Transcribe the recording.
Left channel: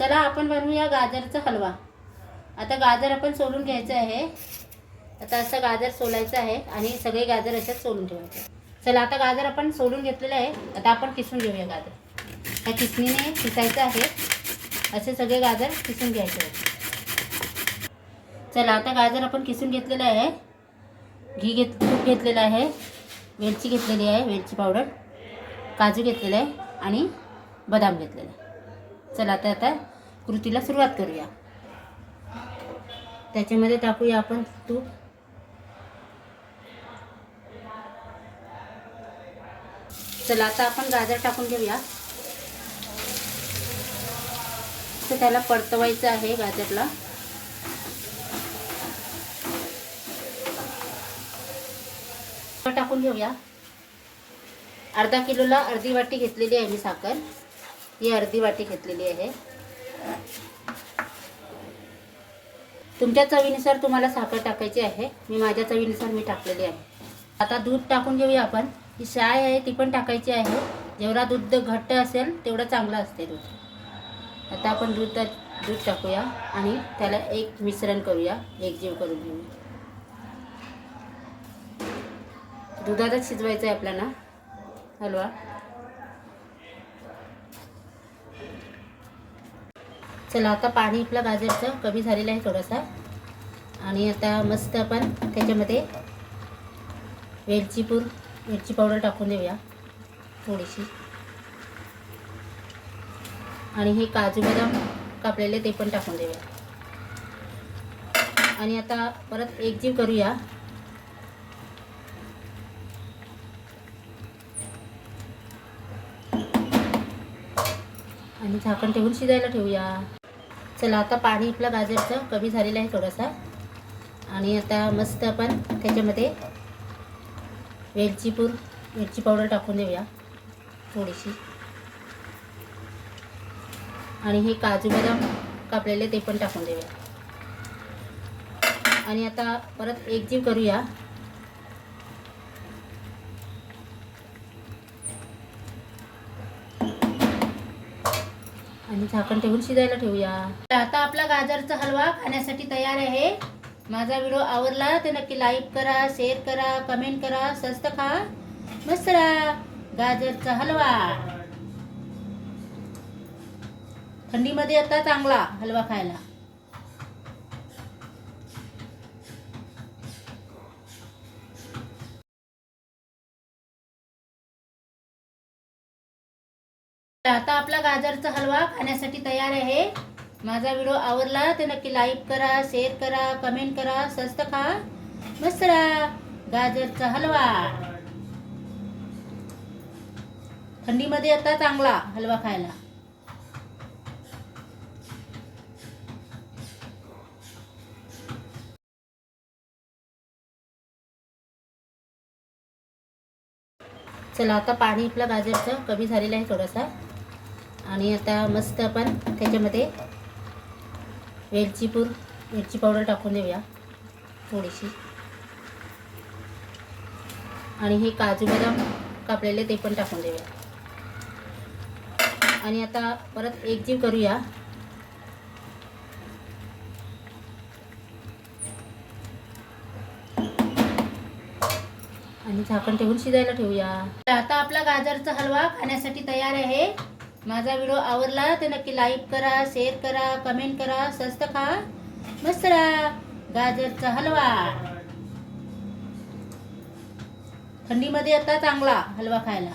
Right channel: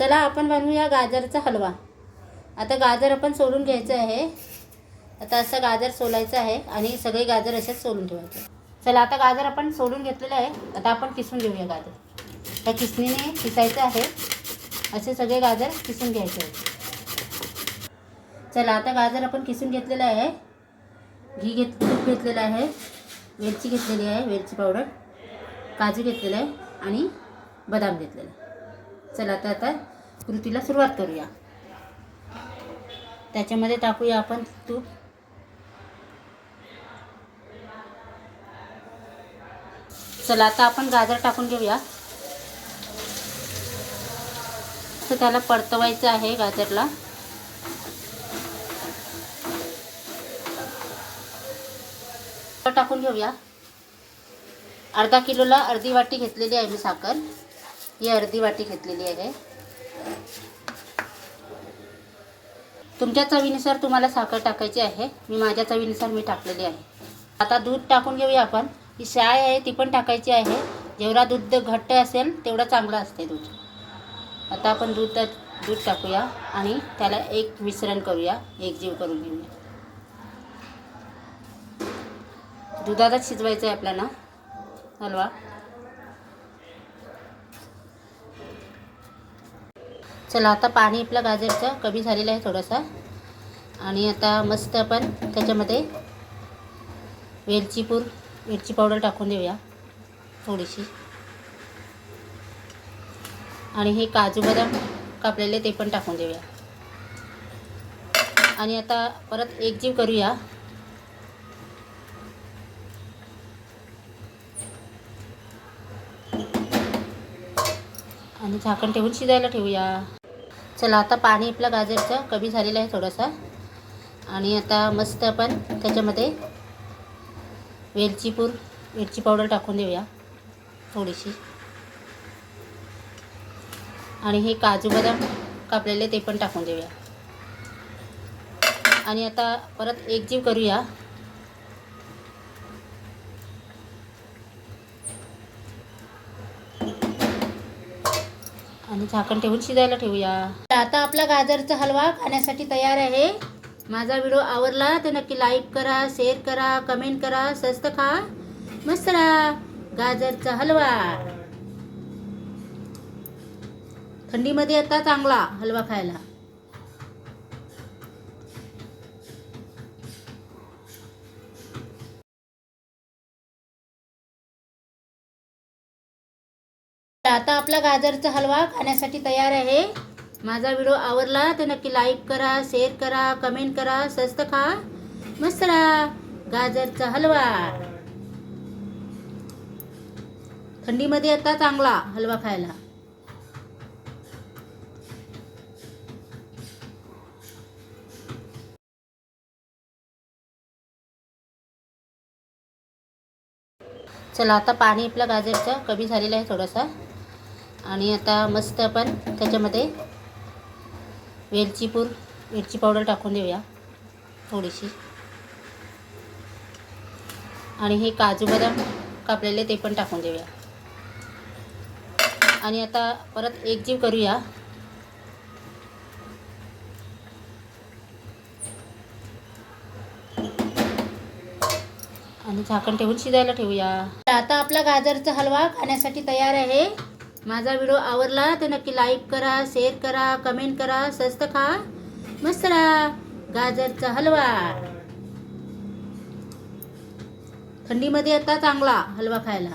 चला आपण बनवूया गाजरचा हलवा। आता गाजर आपण सोलून घ्यायचं आहे। आता असं गाजर सोलायचं आहे आणि सगळे गाजर असंच सोलून ठेवायचे। चला आता गाजर आपण सोलून घेतलेलं आहे। आता आपण किसून घेऊया गाजर। त्या किसणीने किसायचं आहे। असे सगळे गाजर किसून घ्यायचे आहे। चला आता गाजर आपण किसून घेतलेलं आहे। तूप घेतलेलं आहे, वेलची घेतलेली आहे, वेलची पावडर, काजू घेतलेला आहे आणि बदाम घेतलेला आहे। चला आता कृतीला सुरुवात करूया। त्याच्यामध्ये टाकूया आपण तूप। चला आता आपण गाजर टाकून घेऊया। तर त्याला परतवायचं आहे गाजरला। टाकून घेऊया। अर्धा किलोला अर्धी वाटी घेतलेली आहे मी साखर। ही अर्धी वाटी घेतलेली आहे। तुमच्या चवीनुसार तुम्हाला साखर टाकायची आहे। मी माझ्या चवीनुसार मी टाकलेली आहे। आता दूध टाकून घेऊया आपण। ही साय आहे ती पण टाकायची आहे। जेवढा दूध घट्ट असेल तेवढं चांगलं असते दूध। आता आपण दूध टाकूया आणि त्याला एक मिश्रण करूया, एकजीव करून घेऊया। दुधातच शिजवायचं आहे आपल्याला हलवा। चला आता पाणी आपलं गाजरचं कमी झालेलं आहे थोडंसं। आणि आता मस्त आपण त्याच्यामध्ये वेलची पावडर टाकून देऊया थोडीशी। आणि हे काजू बदाम कापलेले ते पण टाकून देऊया। आणि आता परत एकजीव करूया। आणि झाकण ठेवून शिजायला ठेवूया। चला आता पाणी आपलं गाजरचं कमी झालेलं आहे थोडंसं। आणि आता मस्त आपण त्याच्यामध्ये वेलची पावडर टाकून देऊया थोडीशी। आणि हे काजू बदाम कापलेले ते पण टाकून देऊया। आणि आता परत एकजीव करूया। आणि झाकण ठेवून शिजायला ठेवूया। आता आपला गाजरचा हलवा खाण्यासाठी तयार आहे। माझा व्हिडिओ आवडला तर नक्की लाईक करा, शेअर करा, कमेंट करा। स्वस्त खा, मस्त राहा। गाजरचा हलवा थंडीमध्ये आता चांगला हलवा खायला। आता आपला गाजरचा हलवा खाण्यासाठी तयार आहे। माझा व्हिडिओ आवडला तर नक्की लाईक करा, शेअर करा, कमेंट करा। स्वस्त खा, मस्त राहा। गाजरचा हलवा थंडीमध्ये आता चांगला हलवा खायला। चला आता पाणी आपलं गाजरचं कमी झालेलं आहे थोडंसं। आणि आता मस्त आपण त्याच्यामध्ये वेलची पावडर टाकून देऊया थोडीशी। आणि हे काजू बदाम कापलेले ते पण टाकून देऊया। आणि आता परत एकजीव करूया। आणि झाकण ठेवून शिजायला ठेवूया। आता आपला गाजरचा हलवा खाण्यासाठी तयार आहे। माझा व्हिडिओ आवडला तर नक्की लाईक करा, शेअर करा, कमेंट करा। स्वस्त खा, मस्त राहा। गाजरचा हलवा थंडीमध्ये आता चांगला हलवा खायला।